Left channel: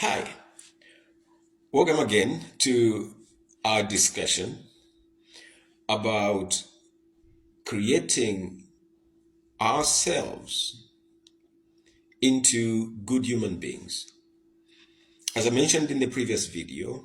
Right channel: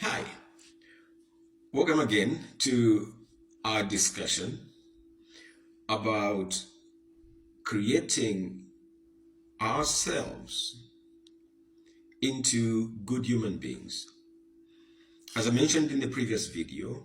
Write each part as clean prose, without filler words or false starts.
Hi, welcome again to our discussion about creating ourselves into good human beings. As I mentioned in the previous video,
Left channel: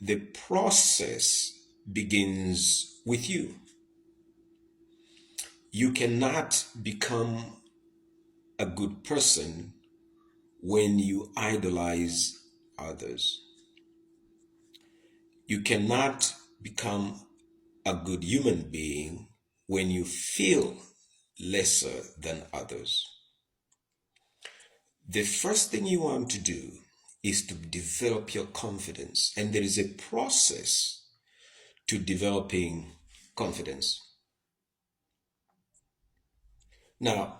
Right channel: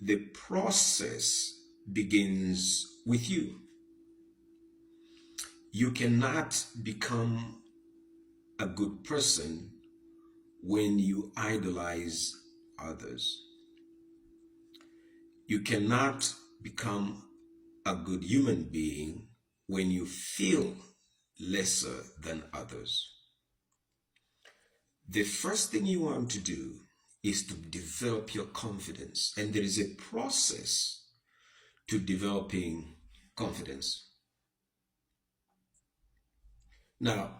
the process begins with you. You cannot become a good person when you idolize others. You cannot become a good human being when you feel lesser than others. The first thing you want to do is to develop your confidence, and there is a process to developing confidence. Now,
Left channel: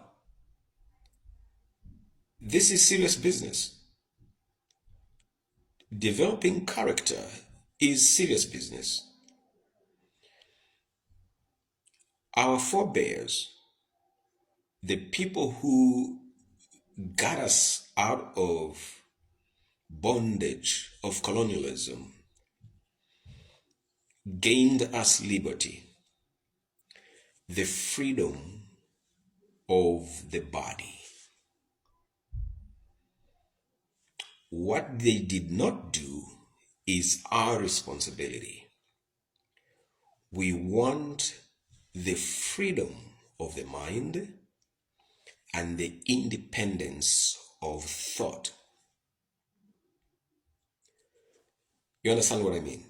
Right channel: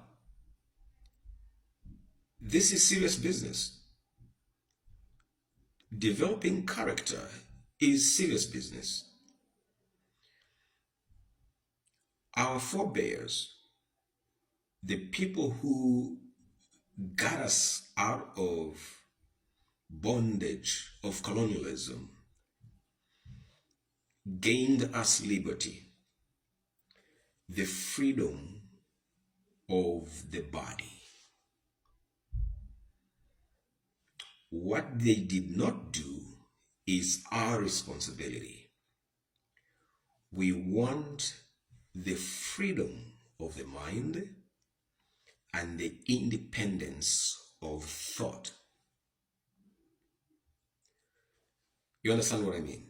this is serious business. Developing character is serious business. Our forebears, the people who got us out of bondage of colonialism, gained us liberty, the freedom of the body. What they did not do is our responsibility. We want the freedom of the mind and the independence of thought. You understand what I mean?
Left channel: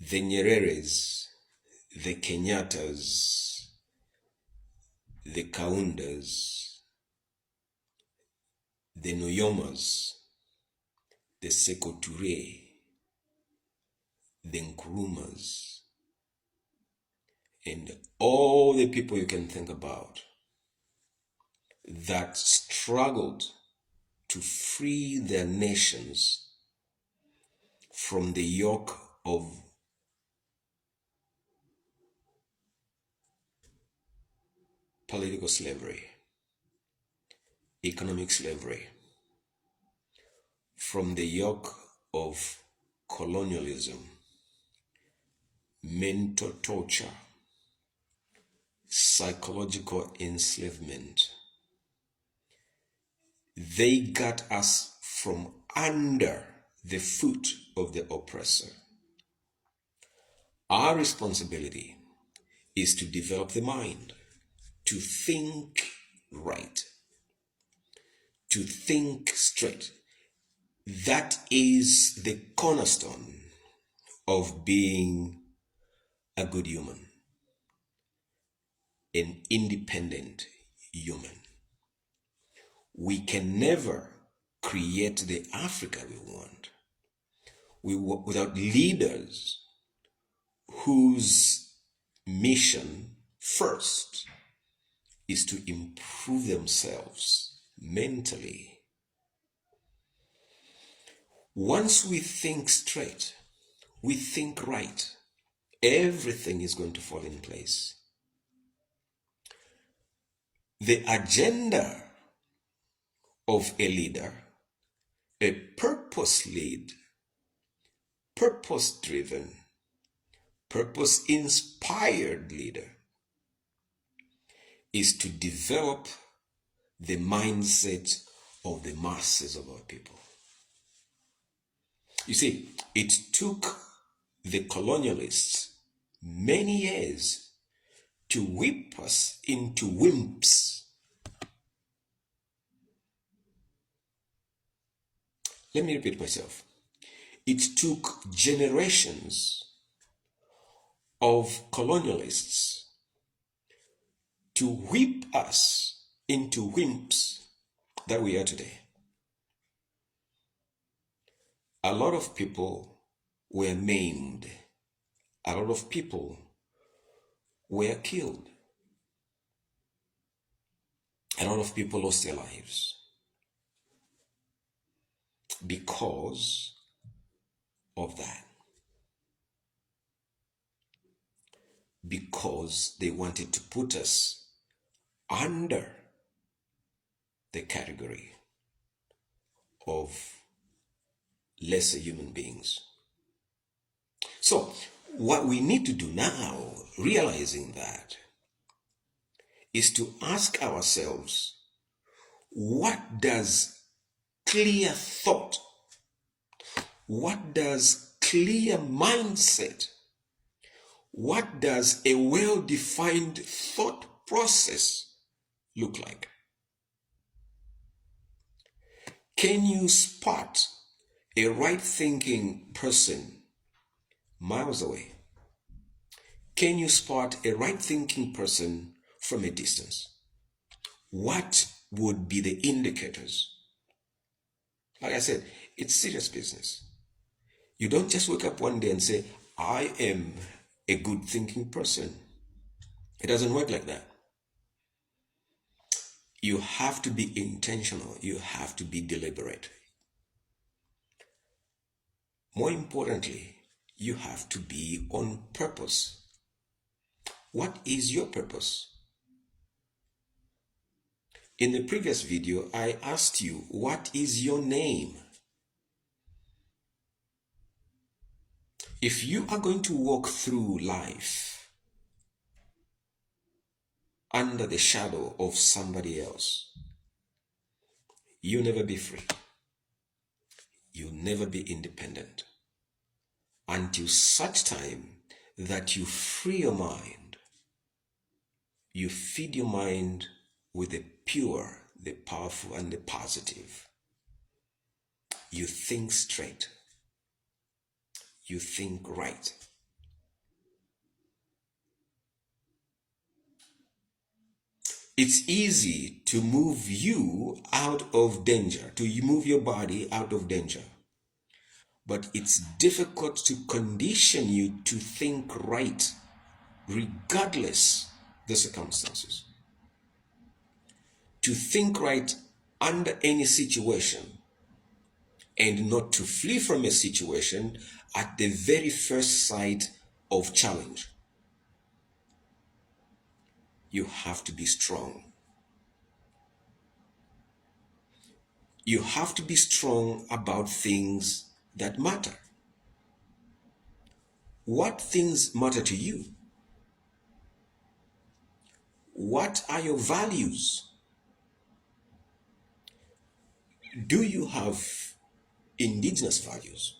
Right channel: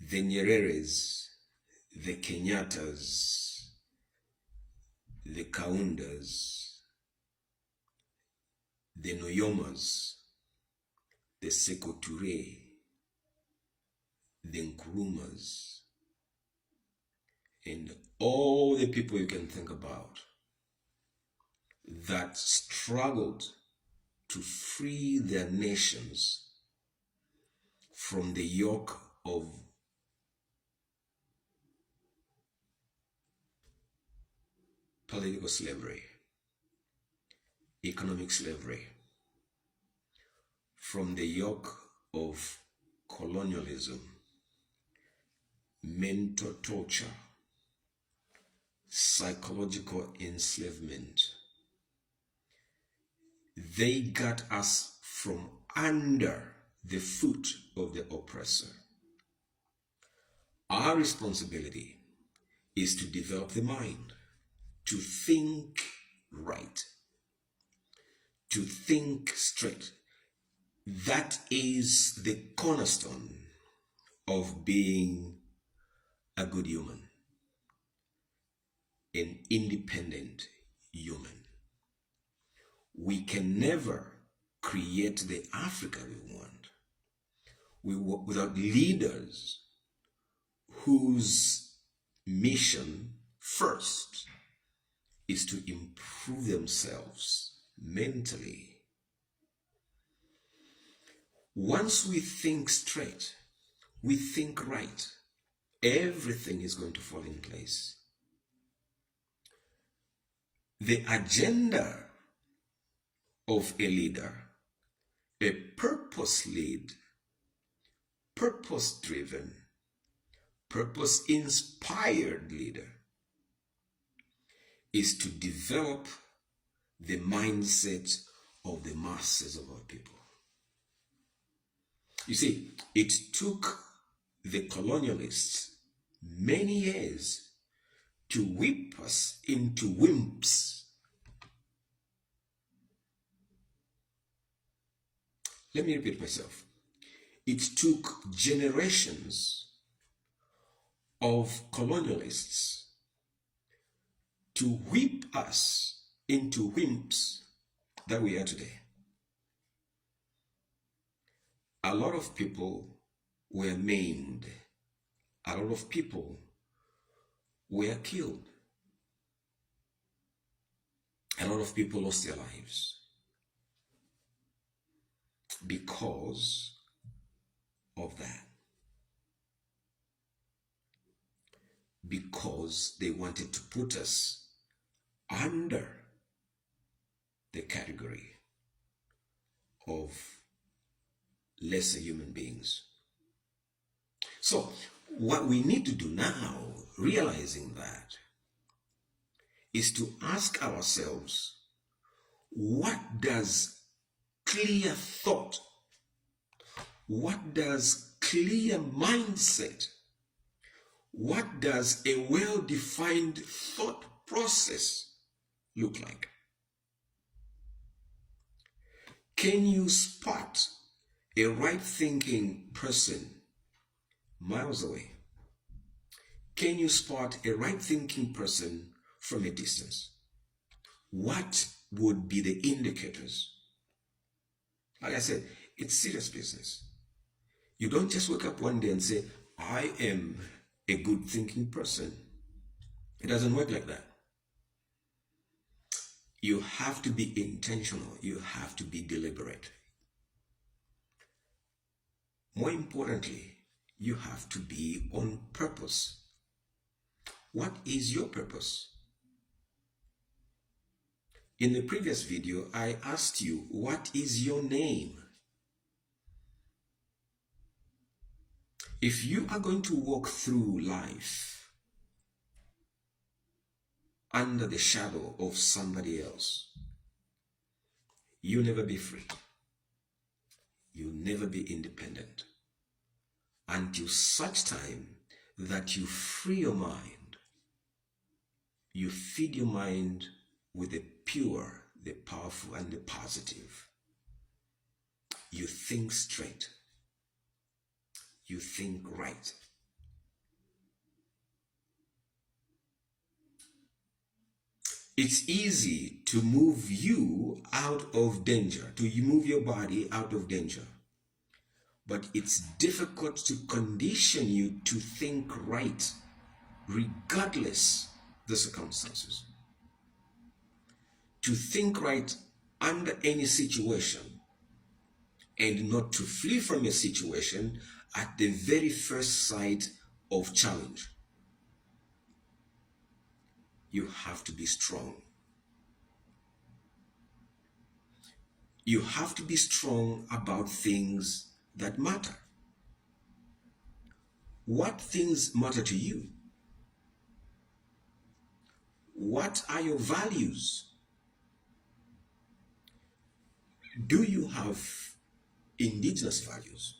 The Nyereres, the Kenyatas, the Kaundas, the Noyomas, the Sekou Touré, the Nkurumas, and all the people you can think about that struggled to free their nations from the yoke of political slavery, economic slavery, from the yoke of colonialism, mental torture, psychological enslavement. They got us from under the foot of the oppressor. Our responsibility is to develop the mind, to think right, to think straight. That is the cornerstone of being a good human, an independent human. We can never create the Africa we want without leaders whose mission first is to improve themselves mentally. Once we think straight, we think right, everything is going to fall in place. The agenda of a leader, a purpose-led, purpose-driven, purpose-inspired leader, is to develop the mindset of the masses of our people. You see, it took the colonialists many years to whip us into wimps. Let me repeat myself. It took generations of colonialists to whip us into wimps that we are today. A lot of people were maimed. A lot of people were killed. A lot of people lost their lives because of that. Because they wanted to put us under the category of lesser human beings. So, what we need to do now, realizing that, is to ask ourselves, what does clear thought, what does clear mindset, what does a well-defined thought process look like? Can you spot a right-thinking person miles away? Can you spot a right-thinking person from a distance? What would be the indicators? Like I said, it's serious business. You don't just wake up one day and say, I am a good thinking person. It doesn't work like that. You have to be intentional. You have to be deliberate. More importantly, you have to be on purpose. What is your purpose? In the previous video, I asked you, what is your name? If you are going to walk through life under the shadow of somebody else, you'll never be free. You'll never be independent until such time that you free your mind. You feed your mind with the pure, the powerful, and the positive. You think straight. You think right. It's easy to move you out of danger, to move your body out of danger. But it's difficult to condition you to think right, regardless the circumstances. To think right under any situation, and not to flee from a situation at the very first sight of challenge. You have to be strong. You have to be strong about things that matter. What things matter to you? What are your values? Do you have indigenous values?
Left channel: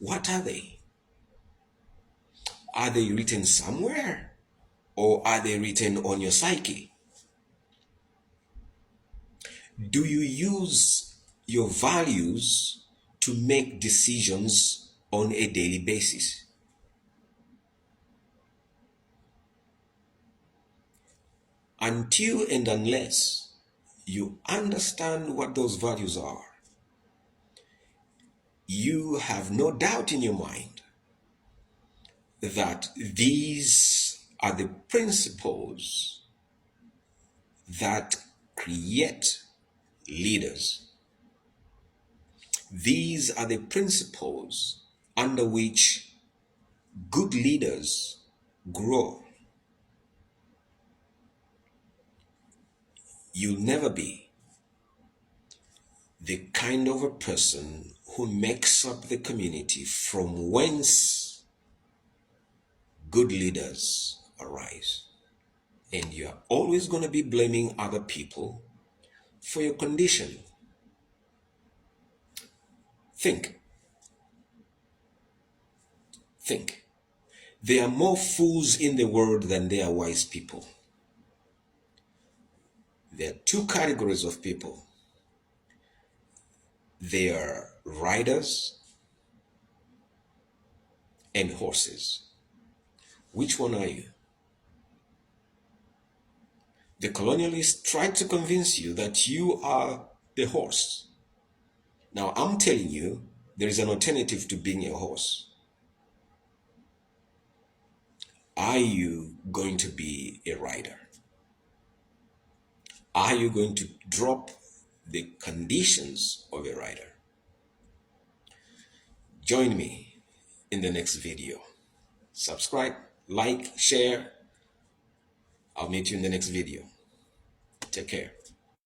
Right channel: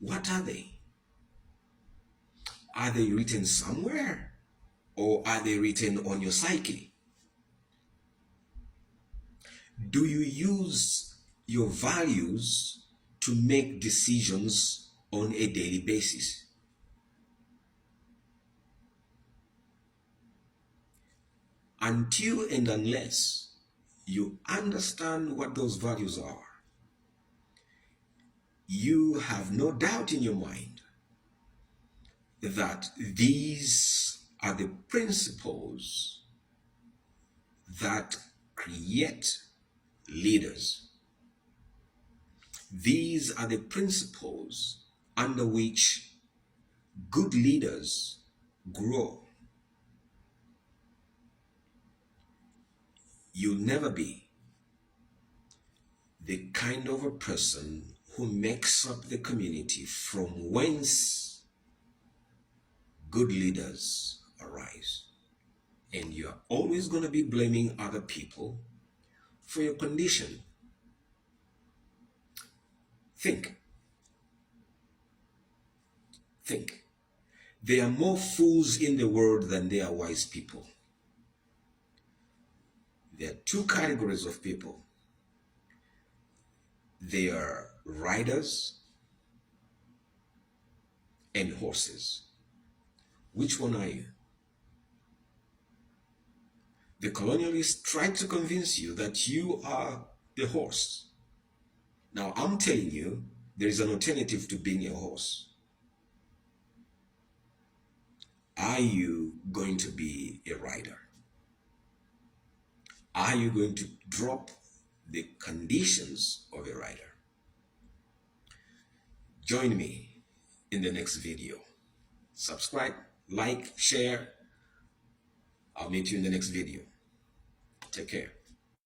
What are they? Are they written somewhere, or are they written on your psyche? Do you use your values to make decisions on a daily basis? Until and unless you understand what those values are, you have no doubt in your mind that these are the principles that create leaders. These are the principles under which good leaders grow. You'll never be the kind of a person who makes up the community from whence good leaders arise. And you're always going to be blaming other people for your condition. Think. There are more fools in the world than there are wise people. There are two categories of people. They are riders and horses. Which one are you? The colonialists tried to convince you that you are the horse. Now, I'm telling you, there is an alternative to being a horse. Are you going to be a rider? Are you going to drop the conditions of a rider? Join me in the next video. Subscribe, like, share. I'll meet you in the next video. Take care.